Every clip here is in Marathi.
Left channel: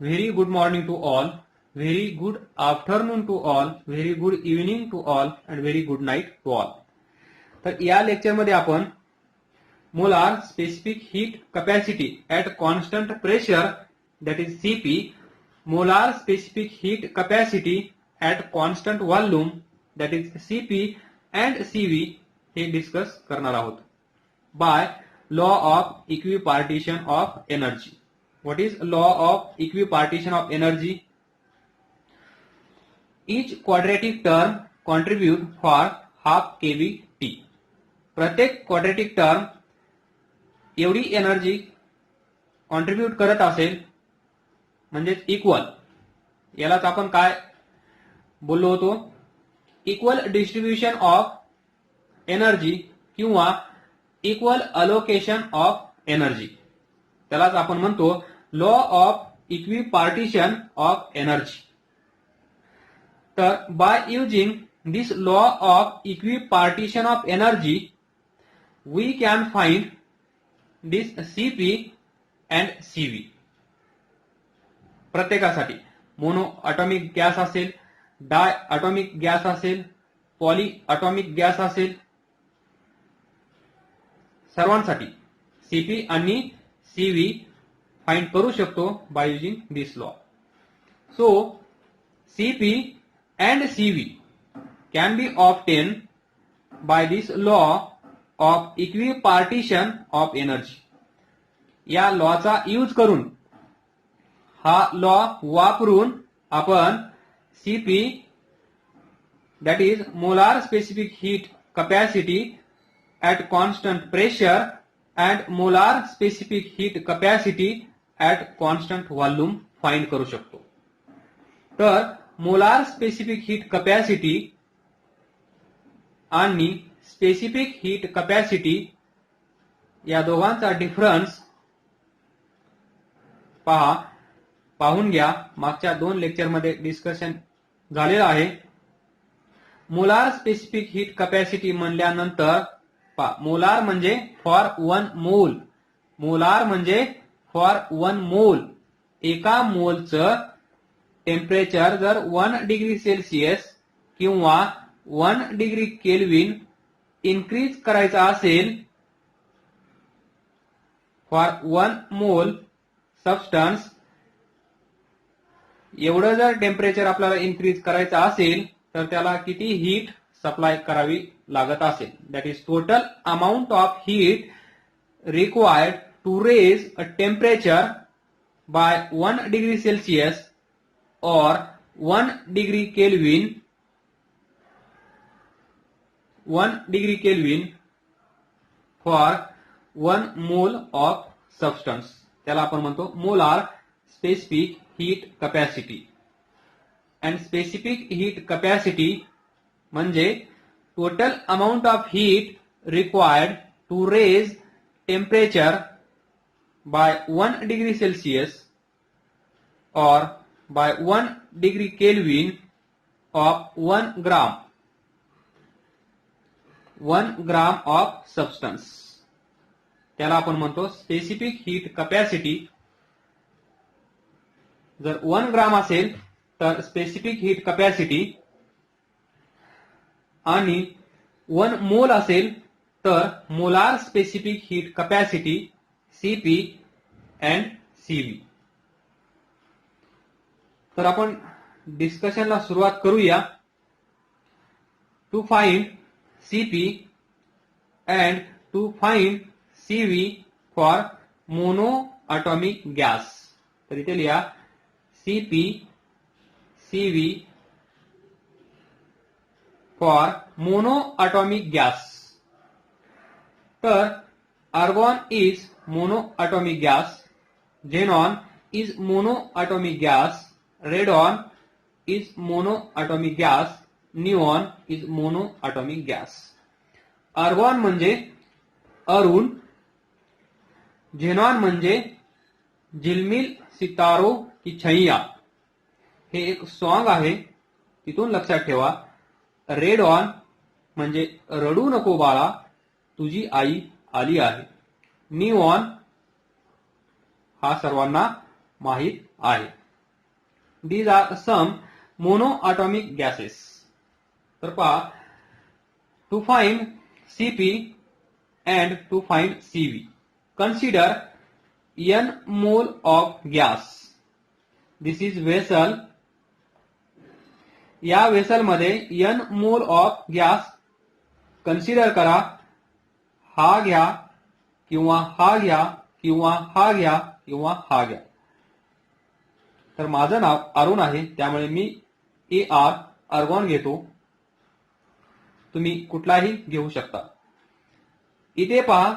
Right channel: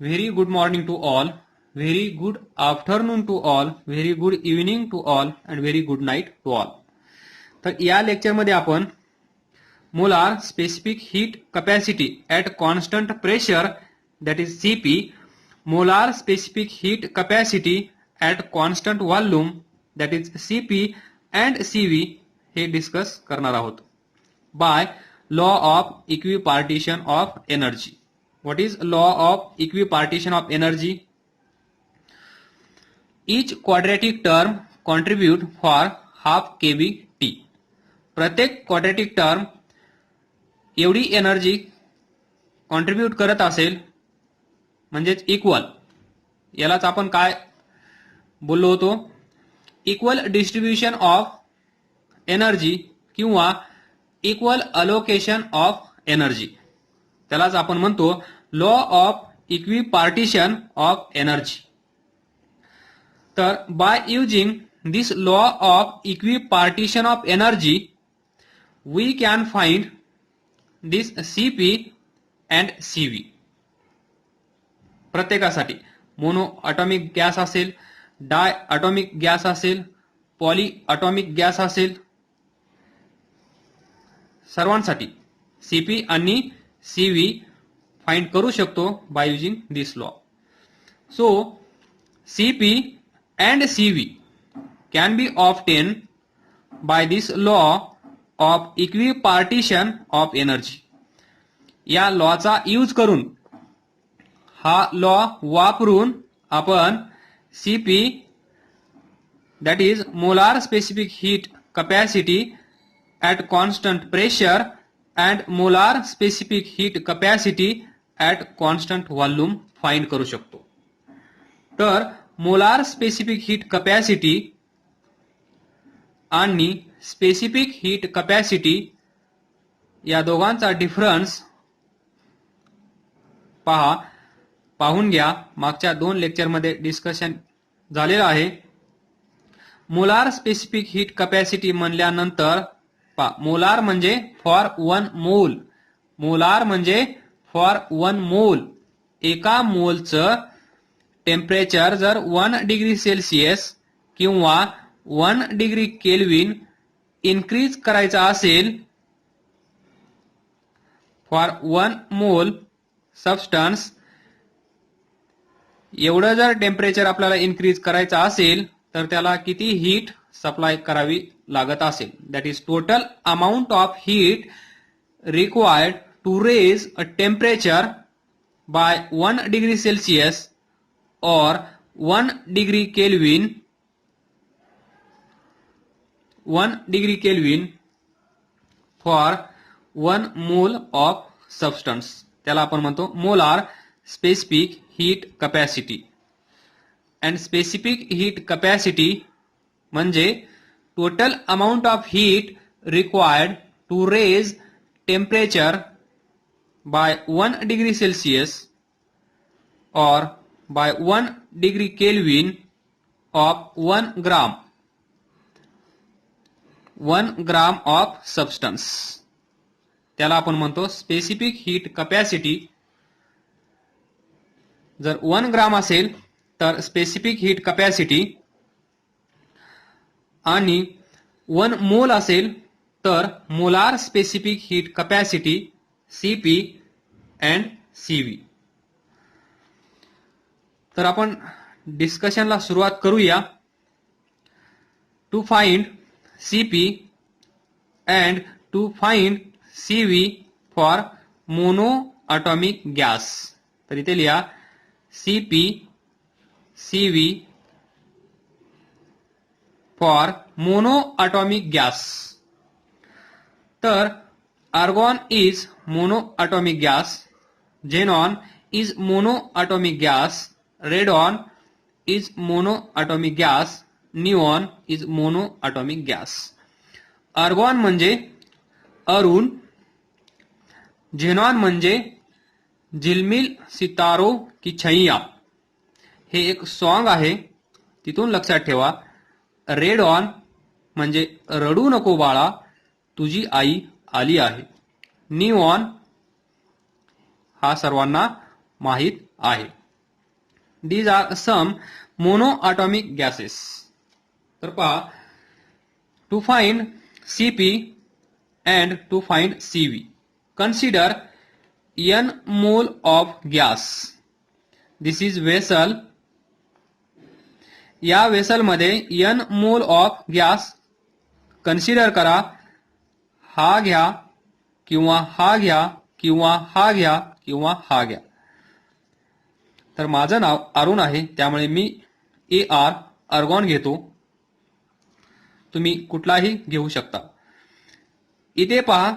Very good morning to all. Very good afternoon to all. Very good evening to all and very good night to all. तर या लेक्चरमध्ये आपण molar specific heat capacity at constant pressure that is CP, molar specific heat capacity at constant volume that is CP and CV हे डिस्कस करणार आहोत by law of equipartition of energy. What is law of equipartition of energy? Each quadratic term contribute for half kVt. प्रत्येक क्वाड्रॅटिक टर्म एवढी एनर्जी कॉन्ट्रीब्यूट करत असेल म्हणजेच इक्वल, यालाच आपण काय बोललो होतो, इक्वल डिस्ट्रीब्युशन ऑफ एनर्जी किंवा इक्वल अलोकेशन ऑफ एनर्जी, त्यालाच आपण म्हणतो law of equipartition of energy. तर by using this law of equipartition of energy we can find this CP and CV. प्रत्येकासाठी मोनो अटॉमिक गॅस असेल, डाय अटॉमिक गॅस असेल, पॉली अटॉमिक गॅस असेल, सर्वांसाठी सीपी आणि सीव्ही फाइंड करू शकतो by using this law. So CP and CV can be obtain by this law of equipartition of energy. या लॉचा यूज करून, हा लॉ वापरून आपण CP that is molar specific heat capacity at constant pressure and molar specific heat capacity at constant volume find करू शकतो. तर मोलार स्पेसिफिक हीट कॅपॅसिटी आणि स्पेसिफिक हीट कॅपॅसिटी या दोघांचा डिफरन्स पाहून घ्या. मागच्या 2 लेक्चरमध्ये डिस्कशन झालेलं आहे. मोलार स्पेसिफिक हीट कॅपॅसिटी म्हणल्यानंतर मोलार म्हणजे फॉर 1 मोल, मोलार म्हणजे फॉर 1 मोल. एका मोलचं टेम्परेचर जर 1 डिग्री सेल्सिअस किंवा 1 डिग्री केल्विन इन्क्रीज करायचा असेल, फॉर 1 मोल सबस्टन्स एवढं जर टेम्परेचर आपल्याला इन्क्रीज करायचं असेल तर त्याला किती हीट सप्लाय करावी लागत असेल. That is total amount of heat required to raise a temperature by 1 degree Celsius or 1 degree kelvin, 1 degree kelvin for 1 mole of substance. त्याला आपण म्हणतो molar specific heat capacity. And specific heat capacity म्हणजे total amount of heat required to raise temperature by 1 degree Celsius or by 1 degree Kelvin of 1 gram of substance. त्याला आपण म्हणतो स्पेसिफिक हीट कॅपॅसिटी. जर 1 ग्राम असेल तर स्पेसिफिक हीट कॅपॅसिटी, आणि 1 मोल असेल तर molar specific heat capacity CP and CV. तर आपण डिस्कशनला सुरुवात करूया. To find CP and to find CV for mono atomic gas. तर इथे लिहा CP CV for mono atomic gas. तर argon is mono atomic gas, xenon is mono atomic gas, radon is monoatomic gas, neon is monoatomic gas. Argon म्हणजे अरुण, झेनॉन म्हणजे झिलमिल सितारो की छैया, हे एक सॉन्ग आहे, तिथून लक्षात ठेवा. रेडॉन म्हणजे रडू नको बाळा तुझी आई आली आहे. निऑन हा सर्वांना माहित आहे. These are some monoatomic gases. तर पहा, to find Cp and to find Cv, consider n mole of gas. This is vessel. या वेसल मध्ये n mole of gas consider करा. हा घ्या किंवा हा घ्या किंवा हा घ्या किंवा हा घ्या. तर माझं नाव अरुण आहे, त्यामुळे मी AR आर्गॉन घेतो. तुम्ही कुठलाही घेऊ शकता. इथे पहा,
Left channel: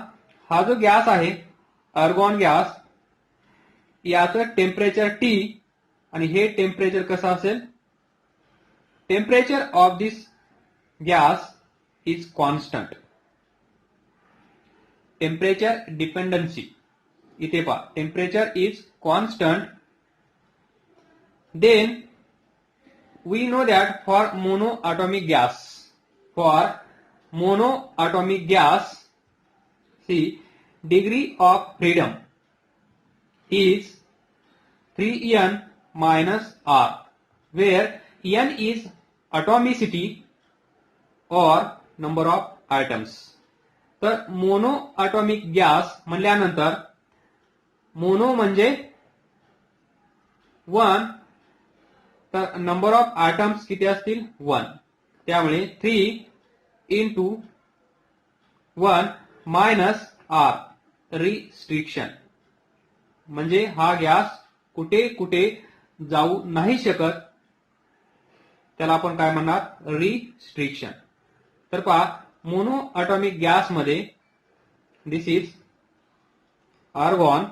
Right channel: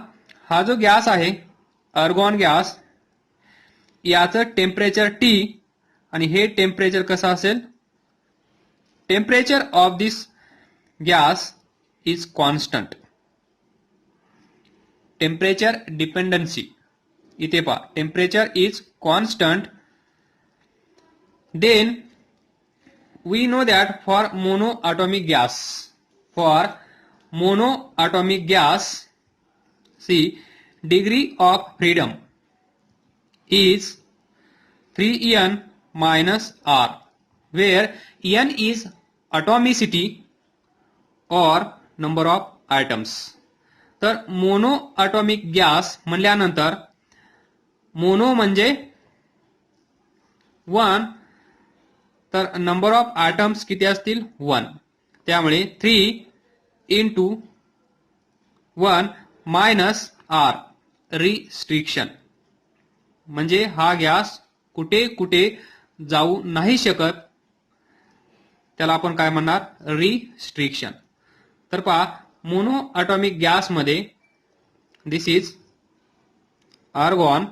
हा जो गॅस आहे आर्गॉन गॅस, याचं टेम्परेचर T आणि हे टेम्परेचर कसं असेल? Temperature of this gas is constant. Temperature dependency. इथे पहा, temperature is constant. Then we know that for monoatomic gas, see, degree of freedom is 3n minus r, where n is atomicity or number of atoms. तर मोनो ॲटॉमिक गॅस म्हणल्यानंतर मोनो म्हणजे 1, तर नंबर ऑफ ॲटम्स किती असतील? 1. त्यामुळे 3 into 1 minus r, रिस्ट्रिक्शन. म्हणजे हा गॅस कुठे कुठे जाऊ नाही शकत, त्याला आपण काय म्हणणार? रिस्ट्रिक्शन. तर पहा, मोनो ॲटॉमिक गॅस मध्ये दिस इज आर्गॉन.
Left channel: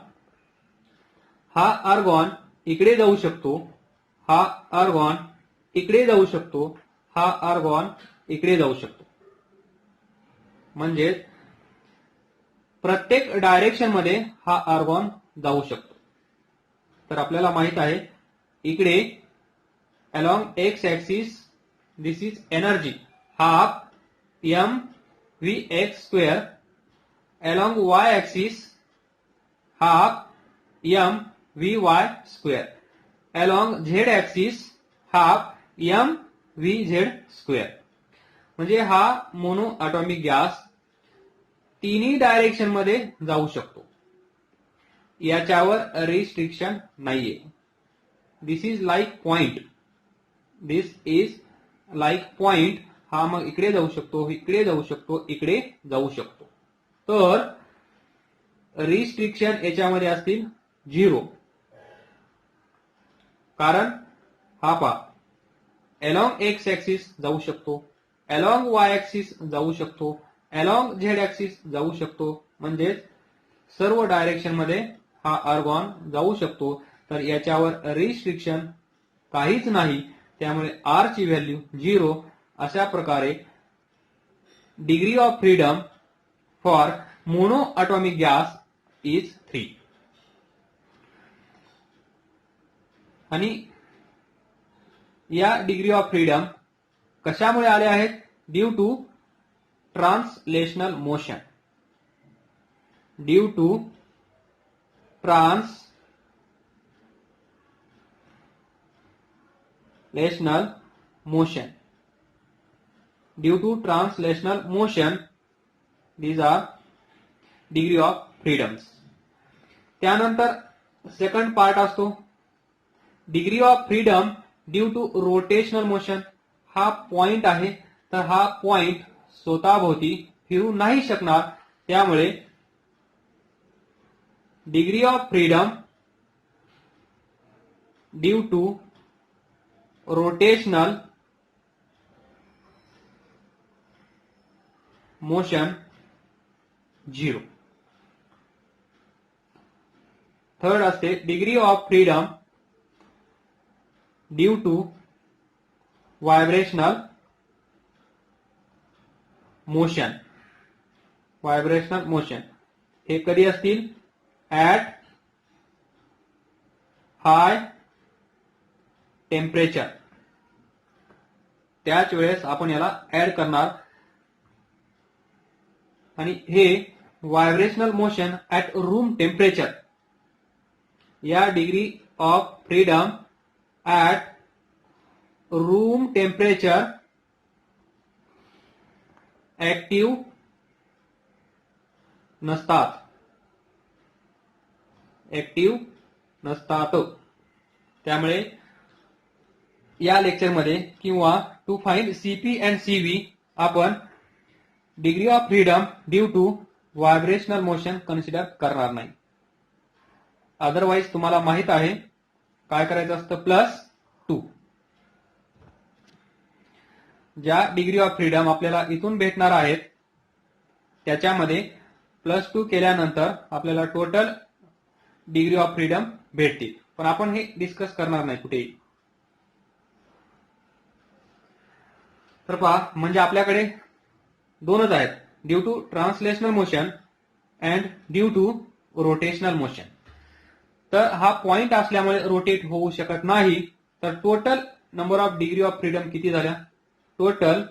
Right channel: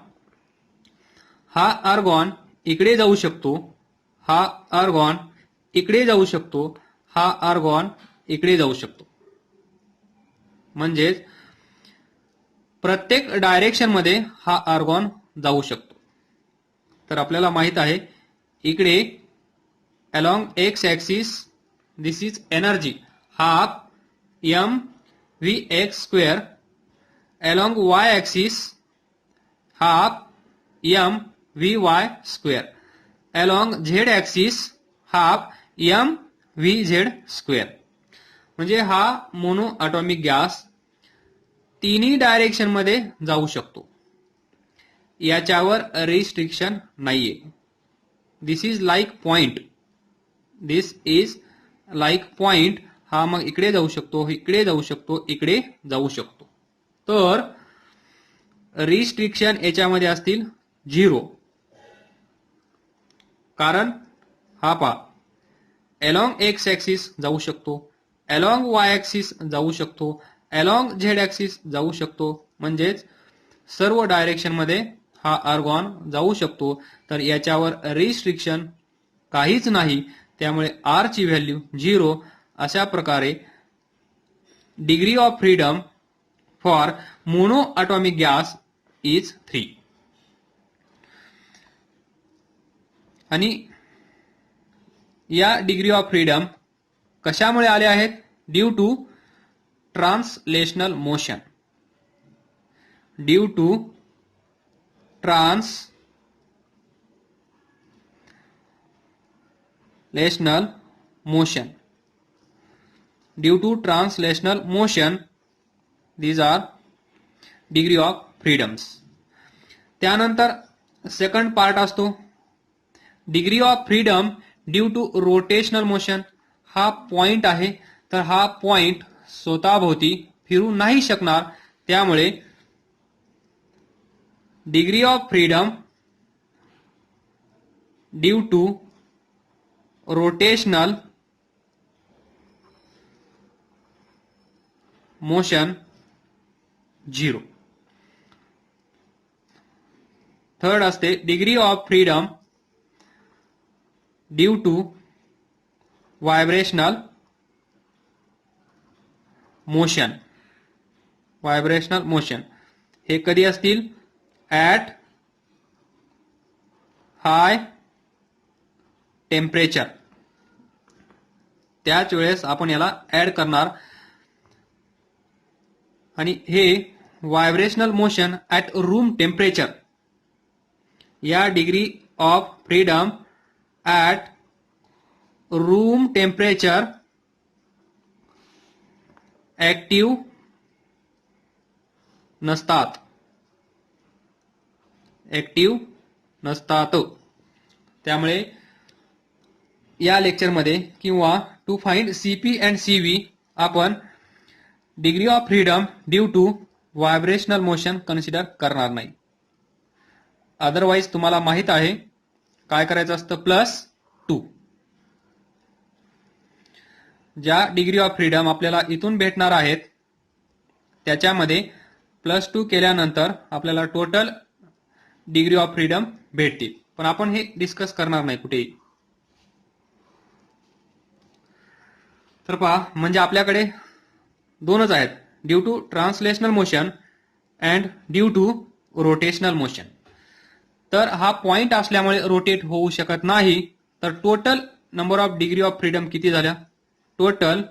हा आर्गॉन इकडे जाऊ शकतो, हा आर्गॉन इकडे जाऊ शकतो, हा आर्गॉन इकडे जाऊ शकतो. म्हणजे प्रत्येक डायरेक्शन मध्ये हा आर्गॉन जाऊ शकतो. तर आपल्याला माहित आहे, इकडे along x axis this is energy half mvx square, along y axis half mvy square, along z axis half mvz square. म्हणजे हा मोनो ॲटॉमिक गॅस तिन्ही डायरेक्शन मध्ये जाऊ शकतो. याच्यावर रिस्ट्रिक्शन नाहीये. This is like point. This is like point. हा मग इकडे जाऊ शकतो, इकडे जाऊ शकतो, इकडे जाऊ शकतो. तर रिस्ट्रिक्शन याच्यामध्ये असतील 0. कारण हा पहा, अलॉंग एक्स ऍक्सिस जाऊ शकतो, अलॉंग वाय ऍक्सिस जाऊ शकतो, अलॉंग झेड ऍक्सिस जाऊ शकतो. म्हणजेच सर्व डायरेक्शन मध्ये हा आर्गॉन जाऊ शकतो. तर याच्यावर रिस्ट्रिक्शन काहीच नाही. त्यामुळे आर ची व्हॅल्यू 0. अशा प्रकारे degree of freedom for mono atomic gas is 3. आणि या डिग्री ऑफ फ्रीडम कशामुळे आले आहेत? Due to translational motion. Due to translational motion. Due to translational motion, these are degree of freedoms. त्यानंतर सेकंड पार्ट असतो degree of freedom due to rotational motion. हा पॉइंट आहे, तर हा पॉइंट स्वतःभोवती फिरू नाही शकणार. त्यामुळे degree of freedom due to rotational motion 0. Third असते degree of freedom due to vibrational motion. Vibrational motion हे कधी असतील? At high temperature. त्याच वेळेस आपण याला ऍड करणार. आणि हे vibrational motion at room temperature. या degree of freedom at room temperature active नसतात. ऍक्टिव्ह नसतात. त्यामुळे या लेक्चरमध्ये किंवा to find CP and CV आपण degree of freedom due to vibrational motion consider करणार नाही. अदरवाइज तुम्हाला माहित आहे काय करायचं असतं, +2. ज्या डिग्री ऑफ फ्रीडम आपल्याला इथून भेटणार आहेत त्याच्यामध्ये +2 केल्यानंतर आपल्याला टोटल डिग्री ऑफ फ्रीडम भेटतील. पण आपण हे डिस्कस करणार नाही कुठेही. तर पहा, म्हणजे आपल्याकडे दोनच आहेत, due to translational motion and due to rotational motion. तर हा पॉइंट असल्यामुळे रोटेट होऊ शकत नाही. तर total number of degree of freedom किती झाल्या? Total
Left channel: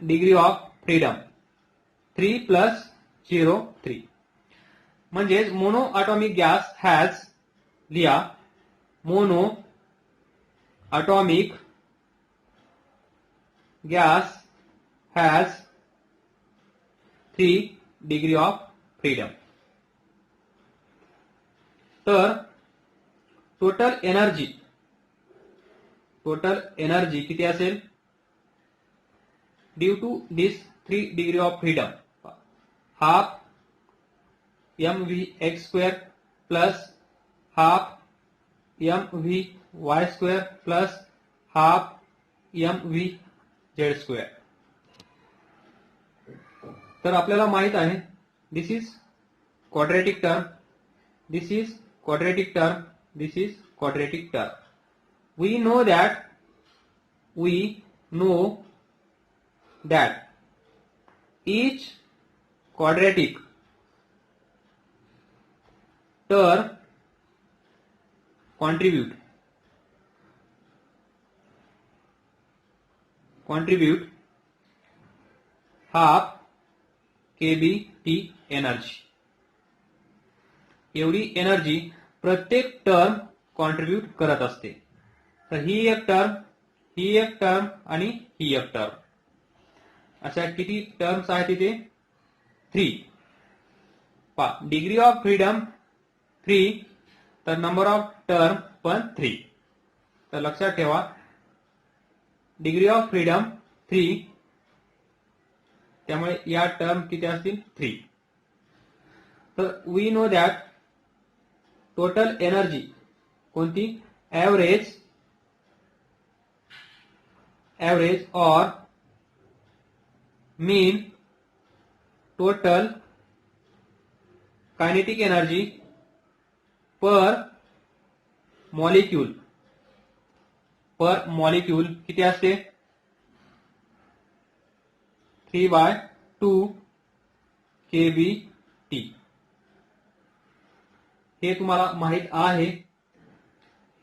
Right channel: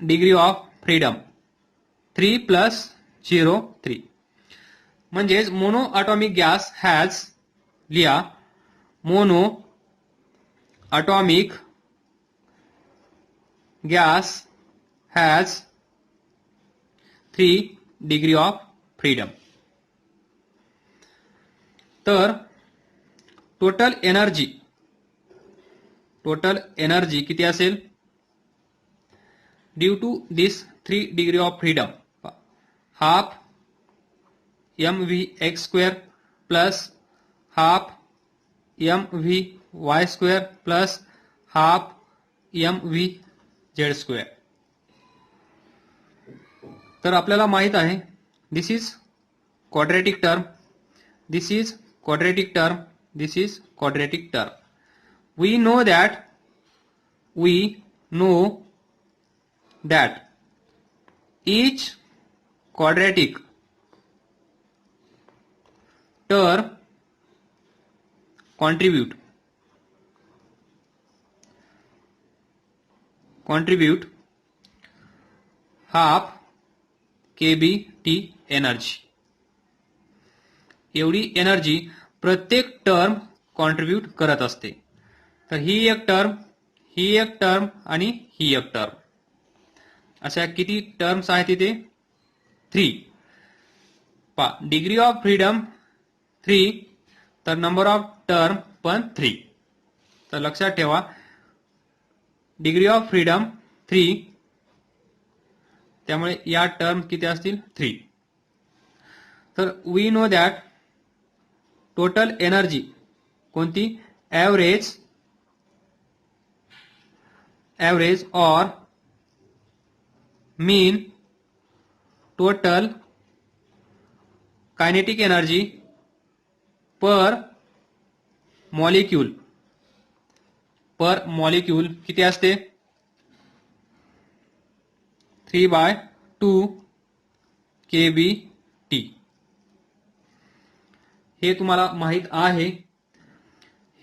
degree of freedom 3 + 0 3. म्हणजेच मोनो ॲटॉमिक गॅस हॅज, लिहा, mono atomic gas has 3 degree of freedom. तर टोटल एनर्जी किती असेल due to this 3 degree of freedom? Half mv(x²) plus half mvy² plus half mvz². तर आपल्याला माहित आहे this is quadratic term, this is quadratic term, this is quadratic term. We know that each quadratic term contribute half kBT energy. एवढी एनर्जी प्रत्येक टर्म कॉन्ट्रीब्यूट करत असते. तर ही एक टर्म, ही एक टर्म आणि ही एक टर्म, अशा किती टर्म्स आहेत तिथे? 3. डिग्री ऑफ फ्रीडम 3, तर नंबर ऑफ टर्म पण 3. तर लक्षात ठेवा, डिग्री ऑफ फ्रीडम 3, त्यामुळे या टर्म किती असतील? 3. तर we know that total energy कोणती? ॲव्हरेज और mean total kinetic energy per molecule किती असते? 3/2 kBT. हे तुम्हाला माहित आहे.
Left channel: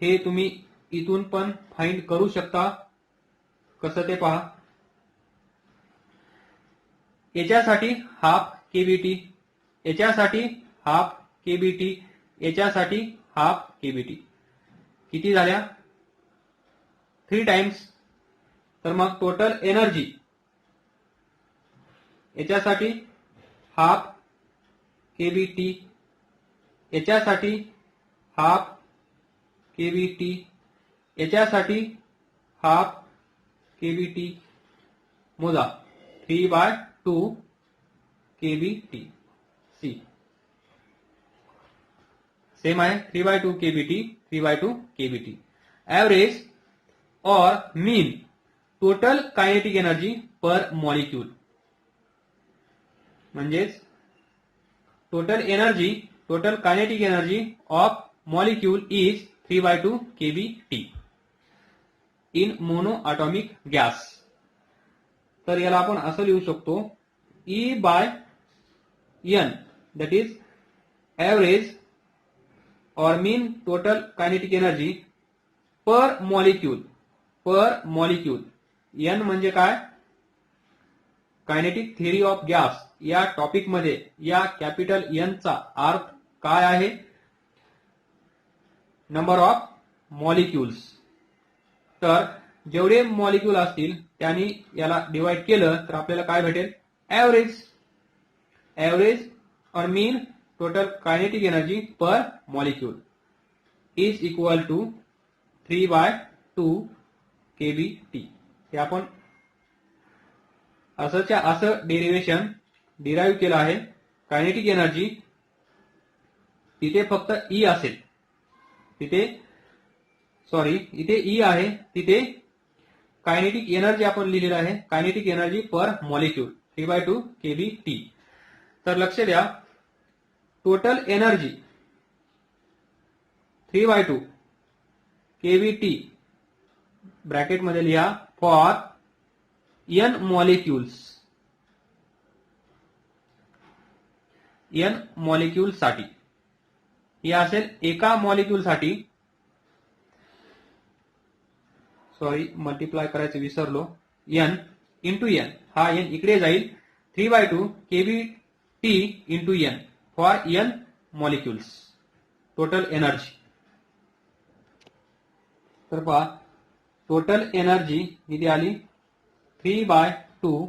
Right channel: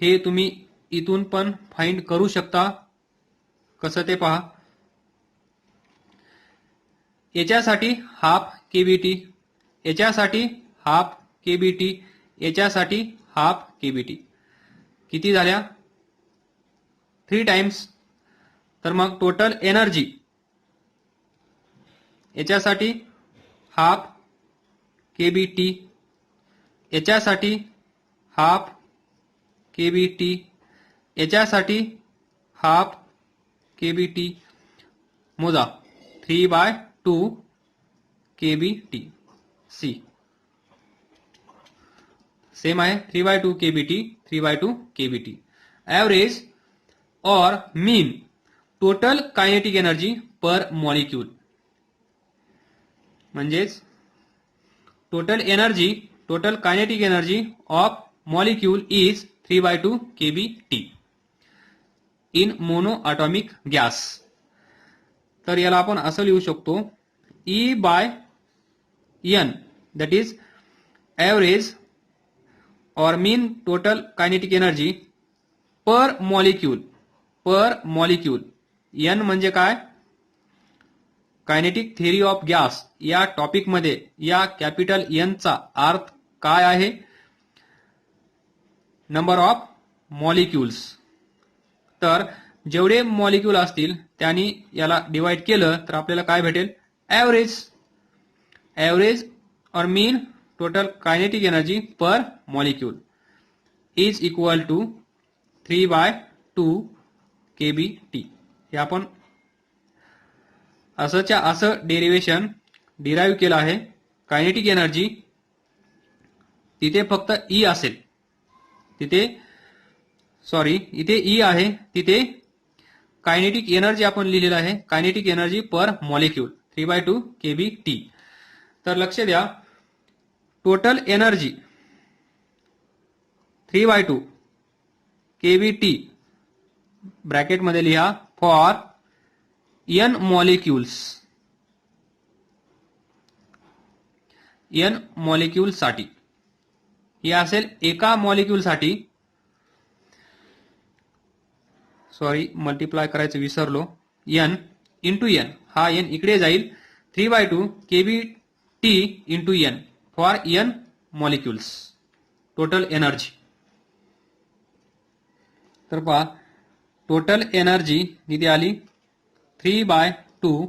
हे तुम्ही इथून पण फाइंड करू शकता. कसं ते पहा. याच्यासाठी हाफ केबीटी, याच्यासाठी हाफ केबीटी, याच्यासाठी हाफ केबीटी. किती झाल्या? 3 टाइम्स. तर मग टोटल एनर्जी याच्यासाठी हाफ केबीटी, याच्यासाठी हाफ केबीटी, याच्यासाठी हाफ केबीटी. मोजा 3/2 kBT. सी सेम आहे, 3/2 kBT, 3/2 kBT. ॲव्हरेज और mean total kinetic energy per molecule. म्हणजेच total kinetic energy of molecule is 3/2 kBT in mono atomic gas. तर याला आपण असं लिहू शकतो, E/N, दॅट इज ॲव्हरेज और mean total kinetic energy per molecule. N म्हणजे काय? कायनेटिक थिअरी ऑफ गॅस या टॉपिक मध्ये या कॅपिटल एन चा अर्थ काय आहे? Number of molecules. तर जेवढे मॉलिक्यूल असतील त्यांनी याला डिवाइड केलं तर आपल्याला काय भेटेल? ॲव्हरेज. ॲव्हरेज और mean total kinetic energy per molecule is equal to 3/2 kBT. हे आपण असंच्या असं डेरिव्हेशन डिराईव्ह केलं आहे. कायनेटिक एनर्जी तिथे फक्त ई असेल, इथे ई आहे, तिथे कायनेटिक एनर्जी आपण लिहिलेलं आहे kinetic energy per molecule 3/2 kBT. तर लक्ष द्या, टोटल एनर्जी 3/2 kBT ब्रॅकेट मध्ये लिहा for n molecules. n molecule साठी हे असेल एका मॉलिक्यूल साठी. सॉरी, मल्टिप्लाय करायचं विसरलो. n इंटू n, हा n इकडे जाईल. 3/2 kBT into n for n molecules total energy. तर पहा टोटल एनर्जी किती आली? 3/2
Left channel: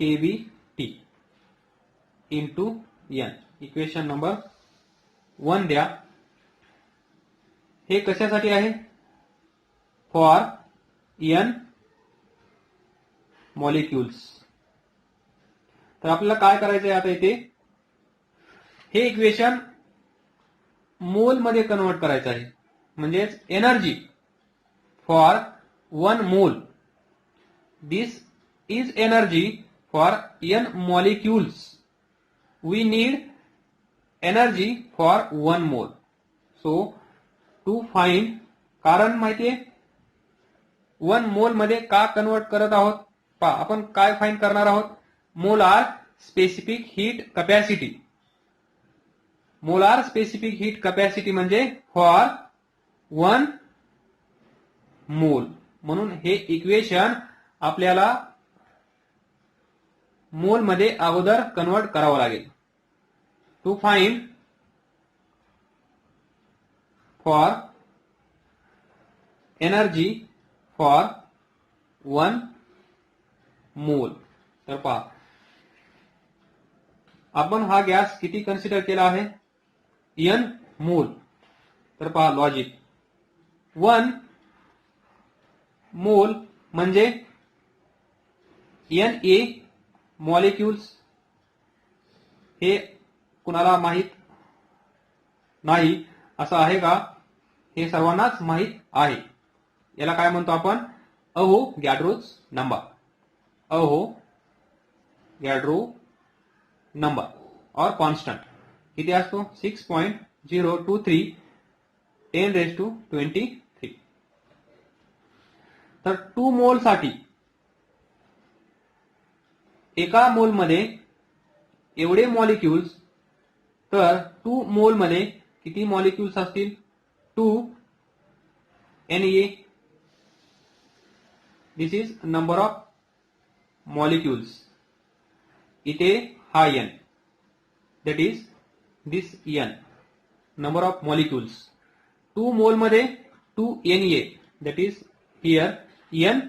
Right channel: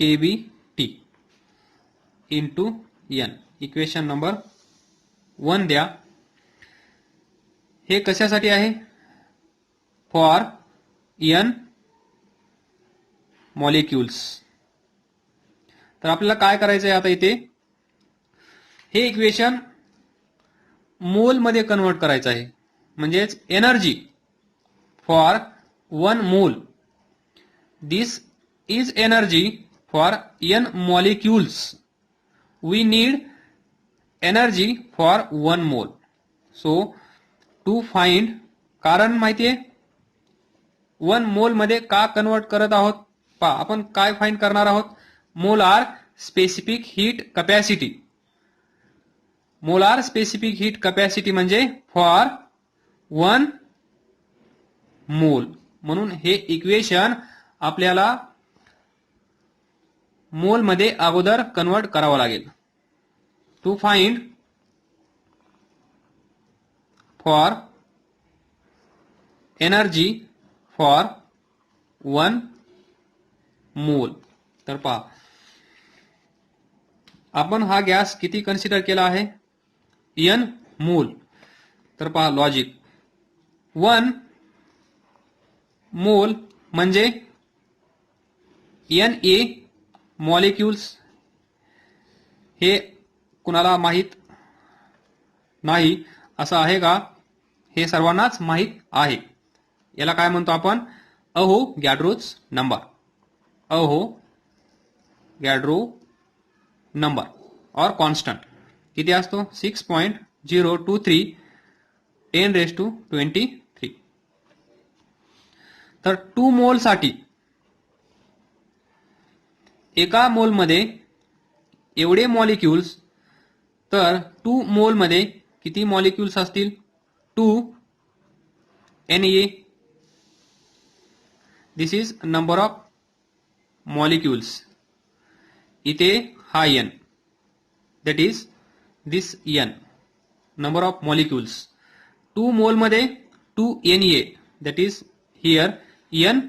kBT into n. Equation number 1 द्या. हे कशासाठी आहे? For n molecules. तर आपल्याला काय करायचं आहे आता इथे? हे इक्वेशन मोल मध्ये कन्वर्ट करायचं आहे. म्हणजेच energy for 1 mole. This is energy for n molecules. We need energy for 1 mole. So to find, कारण माहितीये 1 मोल मध्ये का कन्वर्ट करत आहोत? पहा आपण काय फाइंड करणार आहोत? Molar specific heat capacity. Molar specific heat capacity म्हणजे फॉर 1 मोल. म्हणून हे इक्वेशन आपल्याला मोल मध्ये अगोदर कन्वर्ट करावं लागेल. To find for energy for 1 mole. तर पहा आपण हा गॅस किती कन्सिडर केला आहे? n मोल. तर पहा लॉजिक, 1 मोल म्हणजे Na मॉलिक्युल्स. हे कुणाला माहित नाही असं आहे का? हे सर्वांनाच माहित आहे. याला काय म्हणतो आपण? अवोगॅड्रोज नंबर. अवोगॅड्रो नंबर और कॉन्स्टंट किती असतो? 6.023 10⁻23. तर 2 मोल साठी एका मोल मध्ये एवढे मॉलिक्युल्स. तर 2 मोल मध्ये किती मॉलिक्युल्स असतील? 2 Na. This is number of molecules. इथे हा n, that is this n, number of molecules. 2 मोल मध्ये 2 Na, that is here n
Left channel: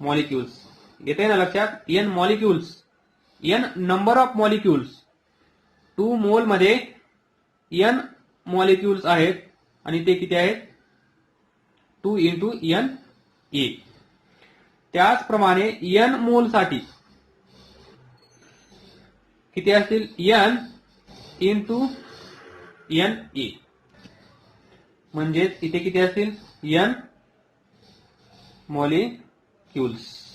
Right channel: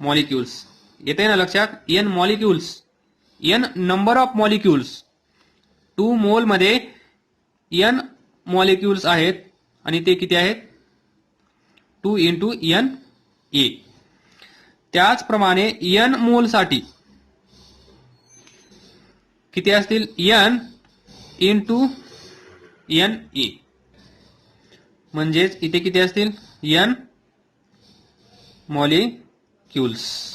molecules. येते ना लक्षात? n molecules, n number of molecules. 2 मोल मध्ये n मॉलिक्युल्स आहेत आणि ते किती आहेत? 2 इंटू Na. त्याचप्रमाणे n मोल साठी किती असतील? n into Na. म्हणजेच इथे किती असतील? n molecules.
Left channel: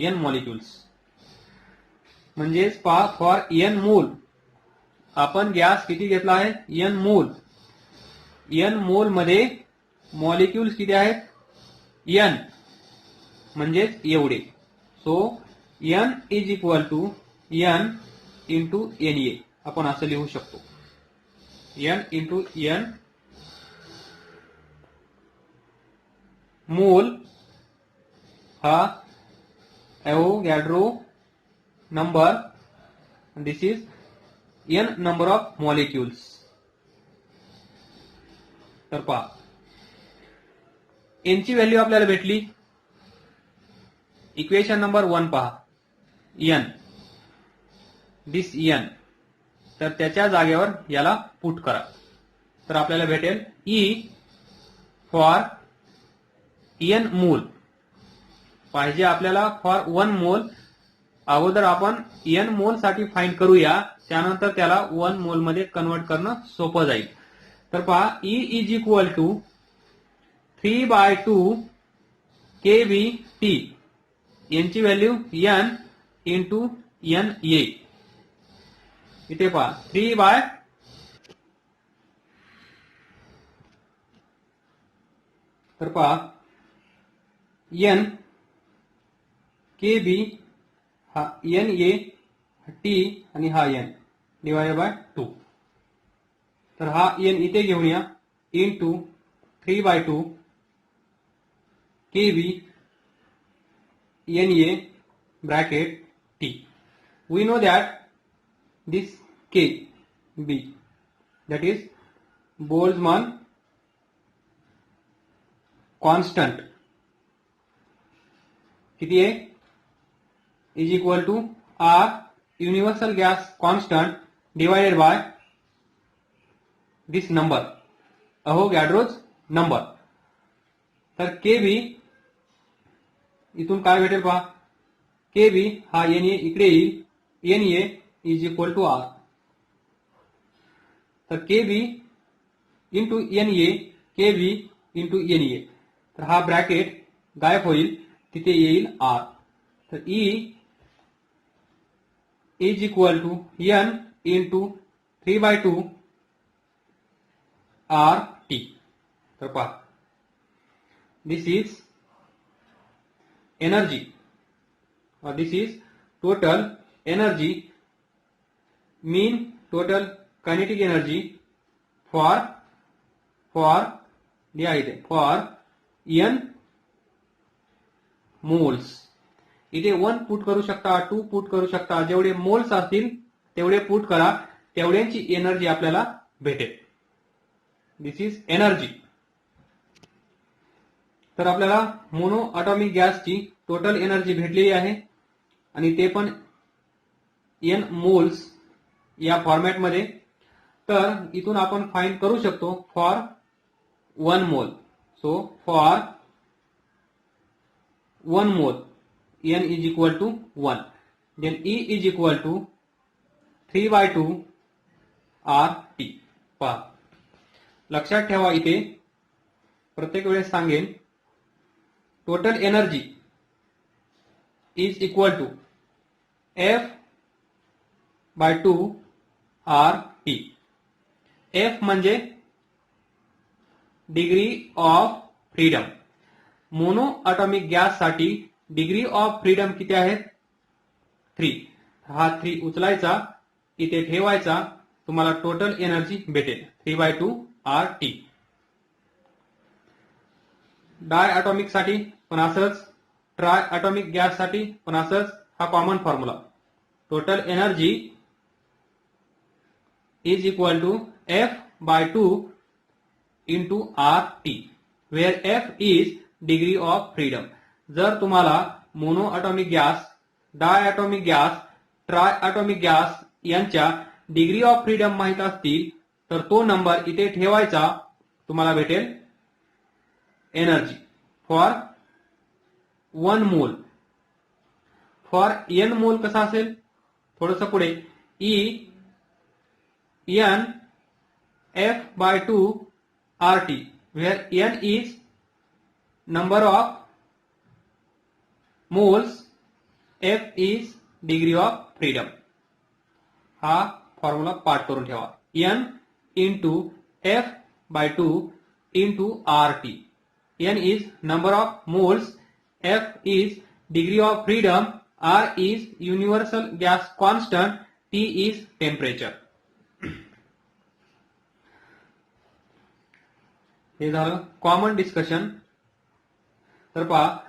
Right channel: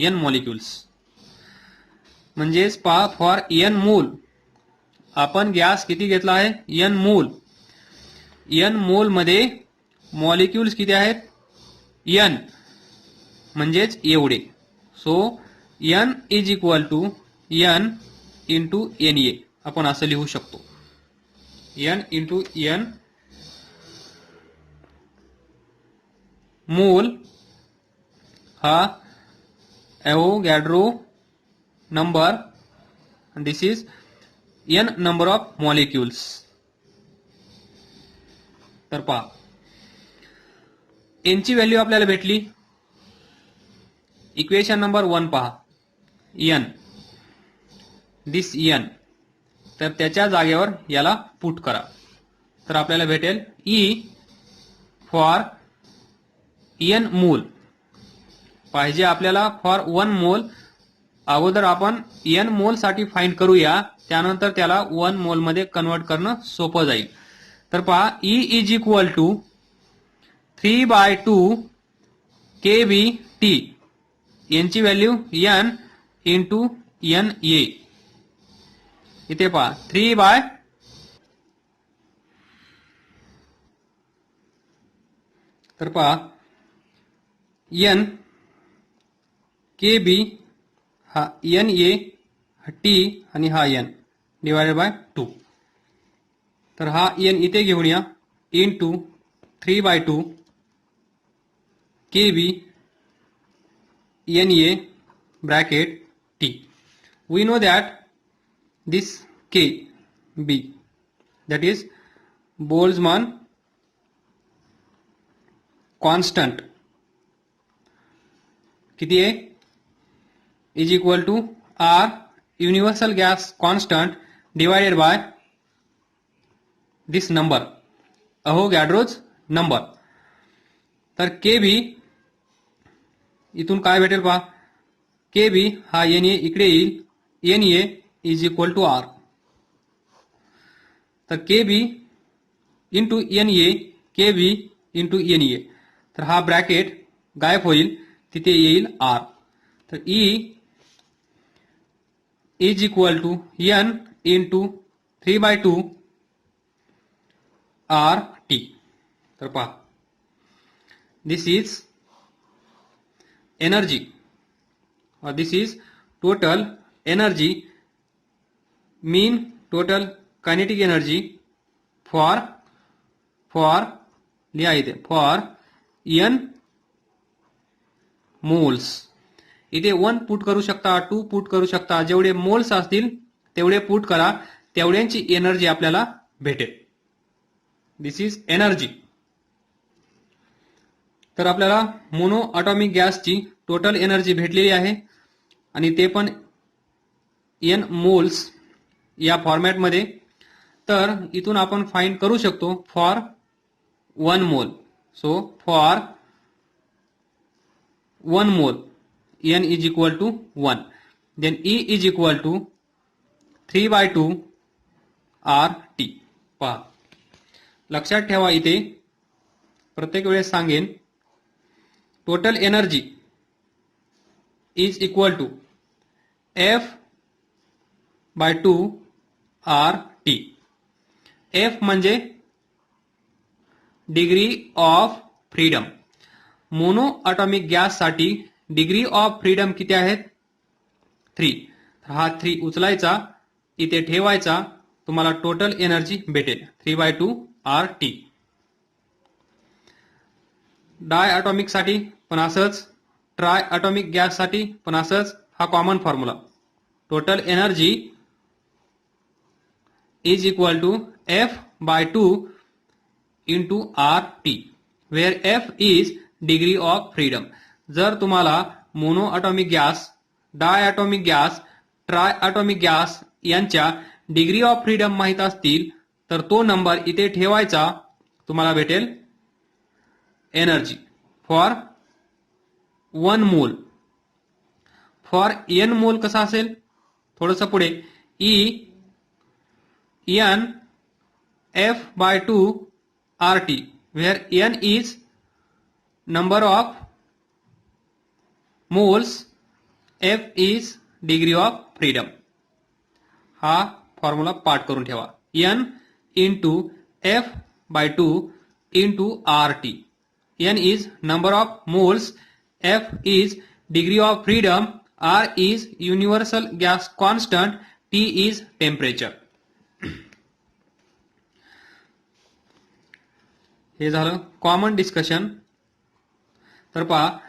n मॉलिक्युल्स म्हणजेच पहा फॉर n मोल आपण गॅस किती घेतला आहे? n मोल. n मोल मध्ये मॉलिक्युल्स किती आहेत? n म्हणजेच एवढे. So n is equal to n into Na. आपण असं लिहू शकतो, n इंटू n मोल हा Avogadro number. This is n number of molecules. तर पहा एन ची व्हॅल्यू आपल्याला भेटली. इक्वेशन नंबर 1 पहा, एन, दिस एन, तर त्याच्या जागेवर याला पुट करा. तर आपल्याला भेटेल ई फॉर एन मोल. पाहिजे आपल्याला फॉर 1 मोल. अगोदर आपण एन मोल साठी फाइंड करूया, त्यानंतर त्याला 1 मोल मध्ये कन्वर्ट करणं सोपं जाईल. तर पहा E is equal to 3/2 kBT. यांची value N into N A. इथे पहा 3 तर पहा एन के बी हा एन ए टी आणि हा एन डिवायडेड बाय 2. तर हा एन इथे घेऊन या into 3/2 K B N A bracket T. We know that this K B, that is Boltzmann constant, किती आहे, is equal to R universal gas constant divided by this number, Avogadro's number. तर KB इथून काय भेटेल पहा, KB हा NA इकडे येईल, NA is equal to R. तर KB into NA, KB into NA. तर हा ब्रॅकेट गायब होईल, तिथे येईल R. तर E is equal to N into 3/2 RT. तर पहा this is energy or this is total energy, mean total kinetic energy for लिहा इथे for n moles. इथे 1 पुट करू शकता, 2 पुट करू शकता, जेवढे मोल्स असतील तेवढे पुट करा, तेवढ्यांची एनर्जी आपल्याला भेटेल. दिस इज एनर्जी. तर आपल्याला मोनो ॲटॉमिक गॅसची टोटल एनर्जी भेटलेली आहे आणि ते पण n मोल्स या फॉर्मॅटमध्ये. तर इथून आपण फाइंड करू शकतो फॉर 1 मोल. So for 1 mole n is equal to 1, then E is equal to 3/2 RT. पहा लक्षात ठेवा, इथे प्रत्येक वेळेस सांगेन, total energy is equal to F/2 RT. F म्हणजे degree of freedom. Mono atomic gas साठी डिग्री ऑफ फ्रीडम किती आहेत, 3. तर हा 3 उचलायचा, इथे ठेवायचा, तुम्हाला टोटल एनर्जी भेटेल 3/2 RT. डाय ॲटॉमिक साठी पण असंच, ट्राय ॲटॉमिक गॅस साठी पण असंच. हा common formula. Total energy is equal to F/2 into RT, where F is degree of freedom. जर तुम्हाला mono atomic gas, di atomic gas, tri atomic gas यांच्या डिग्री ऑफ फ्रीडम माहित असतील तर तो नंबर इथे ठेवायचा, तुम्हाला भेटेल एनर्जी फॉर 1 मोल. फॉर n मोल कसा असेल, थोडंसं पुढे, E n F/2 RT, where n is number of moles, F is degree of freedom. हा फॉर्म्युला पाठ करून ठेवा. n into F/2 into RT. n is number of moles, F is degree of freedom, R is universal gas constant, T is temperature. हे झालं कॉमन डिस्कशन. तर पहा,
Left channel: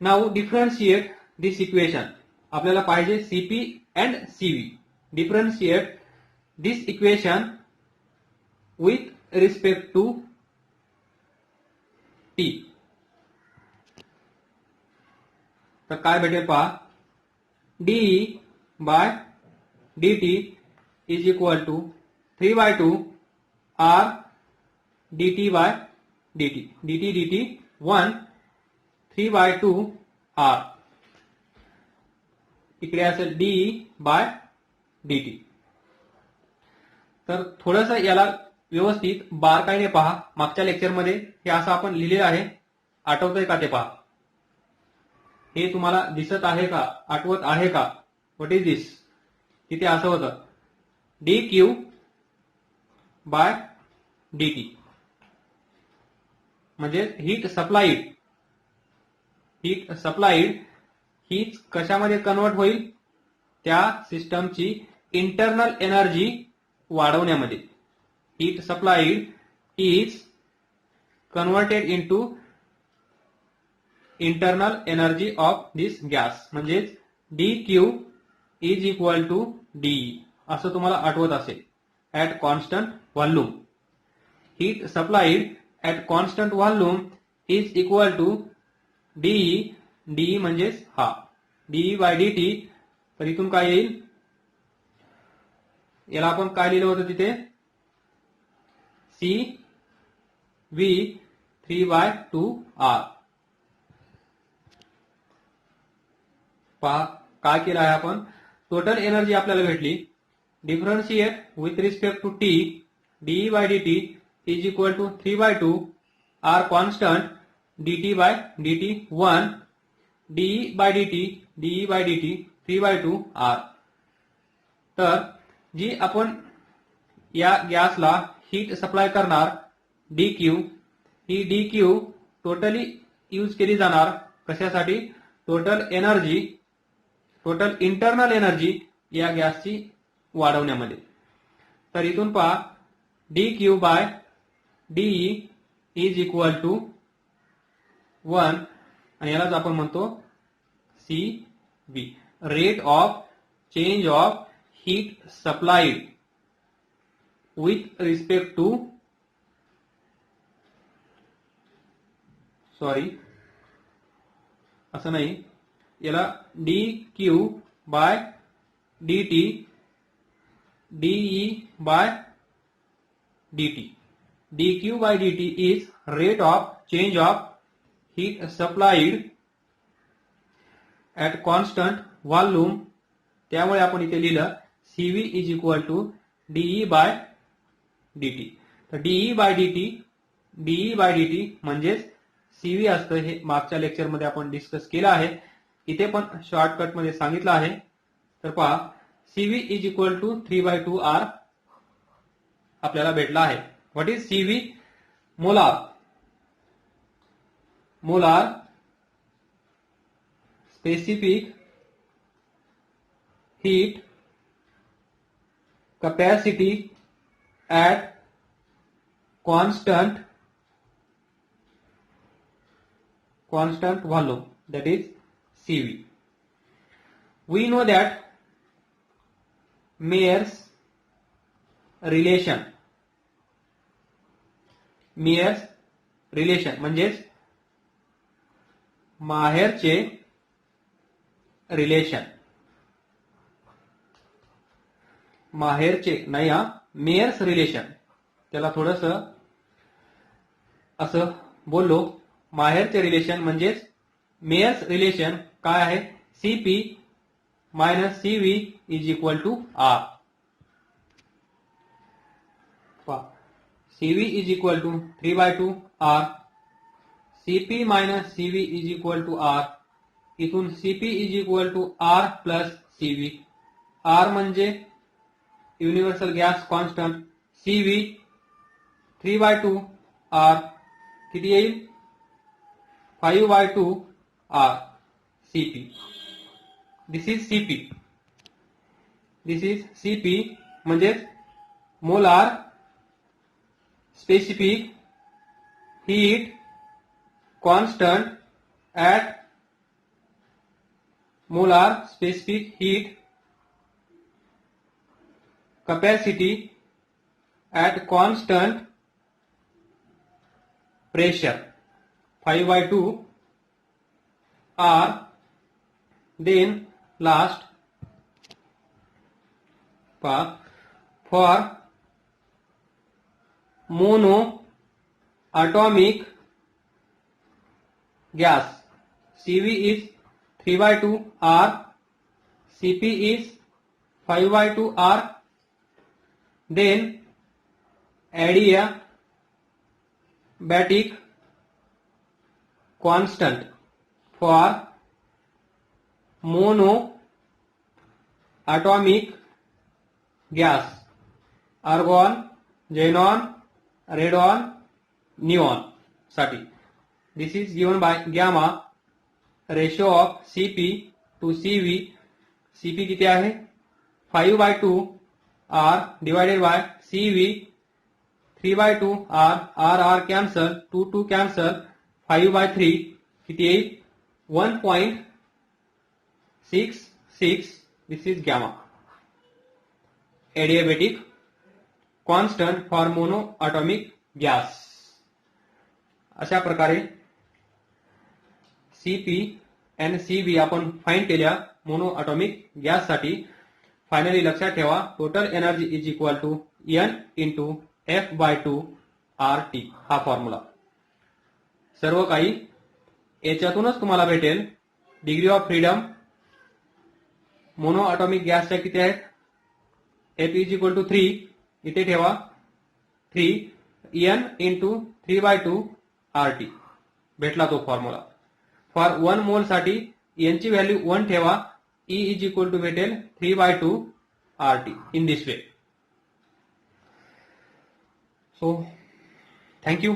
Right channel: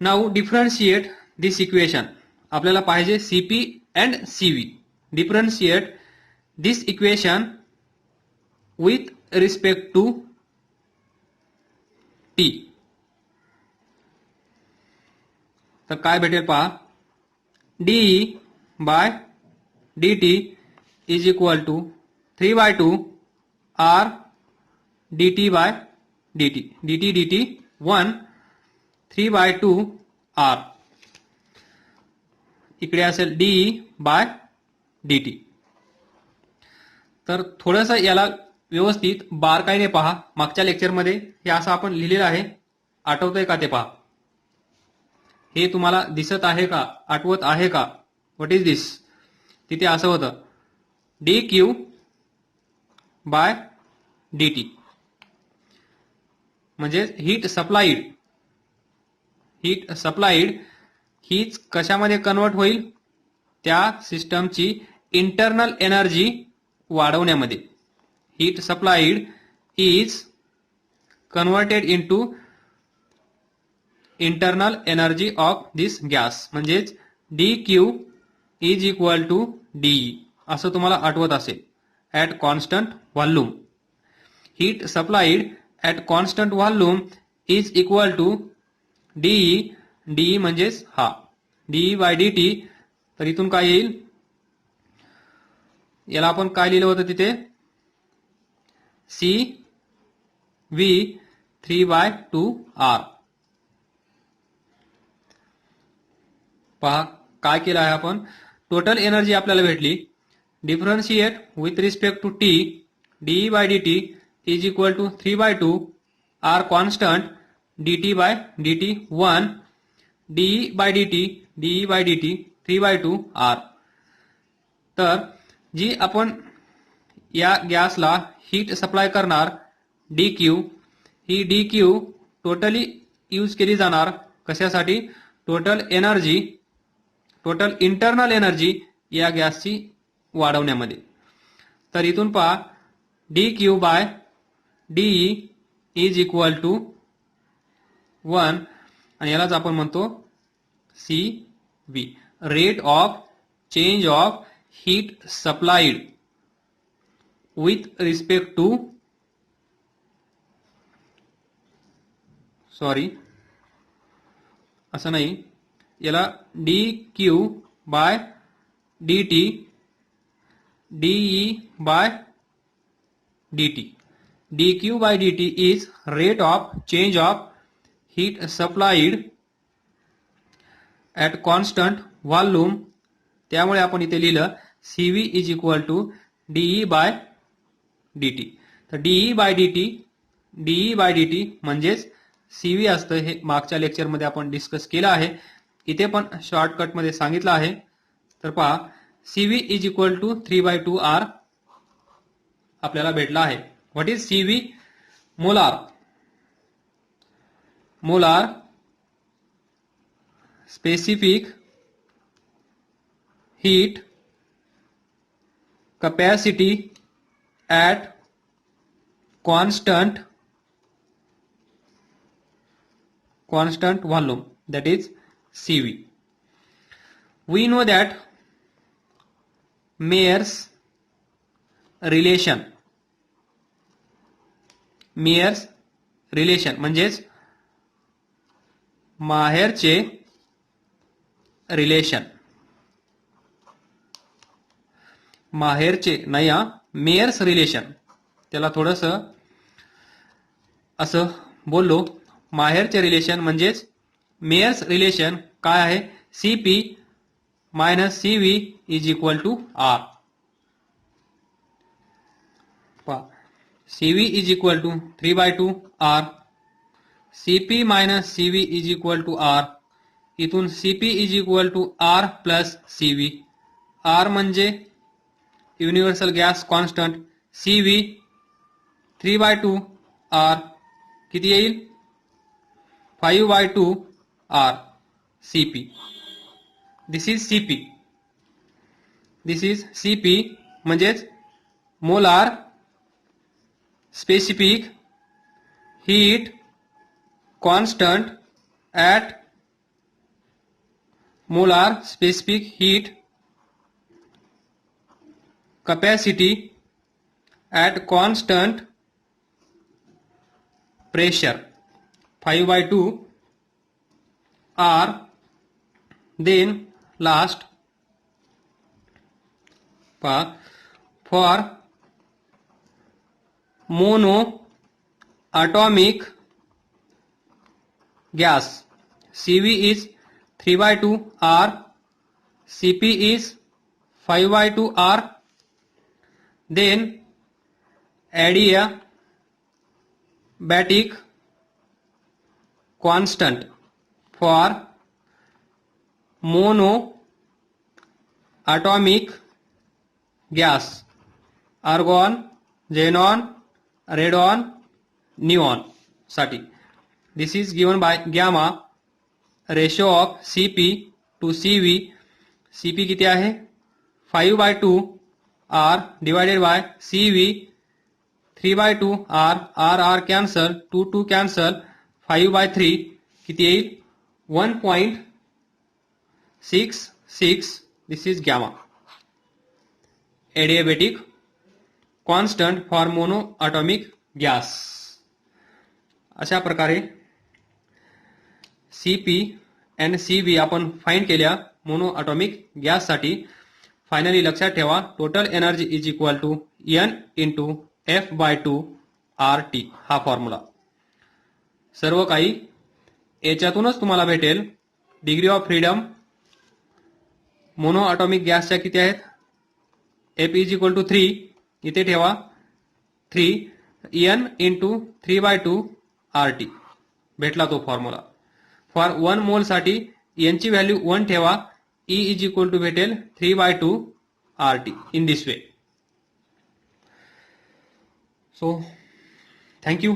नाउ डिफरन्शिएट दिस इक्वेशन. आपल्याला पाहिजे CP and CV. Differentiate this equation with respect to T. तर काय भेटेल पहा, dE by dt is equal to 3/2 R dt by dt. dt 1 3/2 R. इकडे असेल डीई बाय dt. तर थोडंसं याला व्यवस्थित बारकाईने पहा. मागच्या लेक्चरमध्ये हे असं आपण लिहिलेलं आहे, आठवतंय का ते पहा. हे तुम्हाला दिसत आहे का, आठवत आहे का? What is this? तिथे असं होतं D Q by D T, म्हणजे हीट सप्लाइड. हीट सप्लाइड हीच कशामध्ये कन्वर्ट होईल? त्या सिस्टमची इंटरनल एनर्जी वाढवण्यामध्ये. Heat supplied is converted into internal energy of this gas, म्हणजेच D Q is equal to D E, असं तुम्हाला आठवत असेल. At constant volume, heat supplied at constant volume is equal to D E. D E म्हणजेच हा डीई बाय डी. तर इथून काय येईल? याला आपण काय लिहिलं होतं तिथे? C V 3/2 R. पहा काय केलं आहे आपण. टोटल एनर्जी आपल्याला भेटली. Differentiate with respect to T, dE by D T is equal to 3/2 R constant dt by dt 1 dE by dt 3/2 R. तर जी आपण या गॅसला हीट सप्लाय करणार डी क्यू, ही डी क्यू टोटली यूज केली जाणार कशासाठी? Total energy, total internal energy या गॅसची वाढवण्यामध्ये. तर इथून पहा D Q by dE is equal to 1 आणि यालाच आपण म्हणतो C V, rate of change of heat supplied with respect to, sorry असं नाही, याला D Q by D T, dE by D T. D Q by D T is rate of change of heat supplied at constant volume. त्यामुळे आपण इथे लिहिलं C V is equal to dE by D T. तर डीई बाय डी टी म्हणजेच सी व्ही असतं. हे मागच्या लेक्चरमध्ये आपण डिस्कस केलं आहे, इथे पण शॉर्टकटमध्ये सांगितलं आहे. तर पहा C V is equal to 3/2 R आपल्याला भेटला आहे. What is C V? Molar. Molar specific heat capacity at constant volume, that is CV. We know that Mayer's relation म्हणजेच माहेरचे रिलेशन, माहेरचे नाही हा, मेयर्स रिलेशन. त्याला थोडंसं असं बोललो, माहेरचे रिलेशन म्हणजेच मेयर्स रिलेशन काय आहे? C P minus C V is equal to R. C V is equal to 3/2 R. C P minus C V is equal to R. इथून C P is equal to R plus C V. R म्हणजे universal gas constant, C V 3/2 R किती येईल? 5/2 R C P. This is C P. This is C P म्हणजेच molar specific heat constant at molar specific heat capacity at constant pressure. 5/2 R. Then last for mono atomic gas, CV is 3/2 R, CP is 5/2 R. Then adiabatic constant for mono atomic gas, argon, xenon, radon, neon साठी. This is given by gamma ratio of CP to CV. CP किती आहे 5/2 R divided by CV 3/2 R. R cancel, 2 cancel, 5/3 किती येईल 1.66. This is gamma. Adiabatic constant for monoatomic gas. अशा प्रकारे CP and CV आपण फाइंड केल्या मोनोएटॉमिक गॅस साठी. फायनली लक्षात ठेवा total energy is equal to N into F/2 RT हा फॉर्म्युला. सर्व काही याच्यातूनच तुम्हाला भेटेल. डिग्री ऑफ फ्रीडम मोनोएटॉमिक गॅसच्या किती आहेत F इज इक्वल टू 3 इथे ठेवा 3 N इंटू 3/2 RT भेटला तो फॉर्म्युला. फॉर 1 मोल साठी N ची व्हॅल्यू 1 ठेवा. E इज इक्वल टू भेटेल 3/2 RT in this way. So thank you.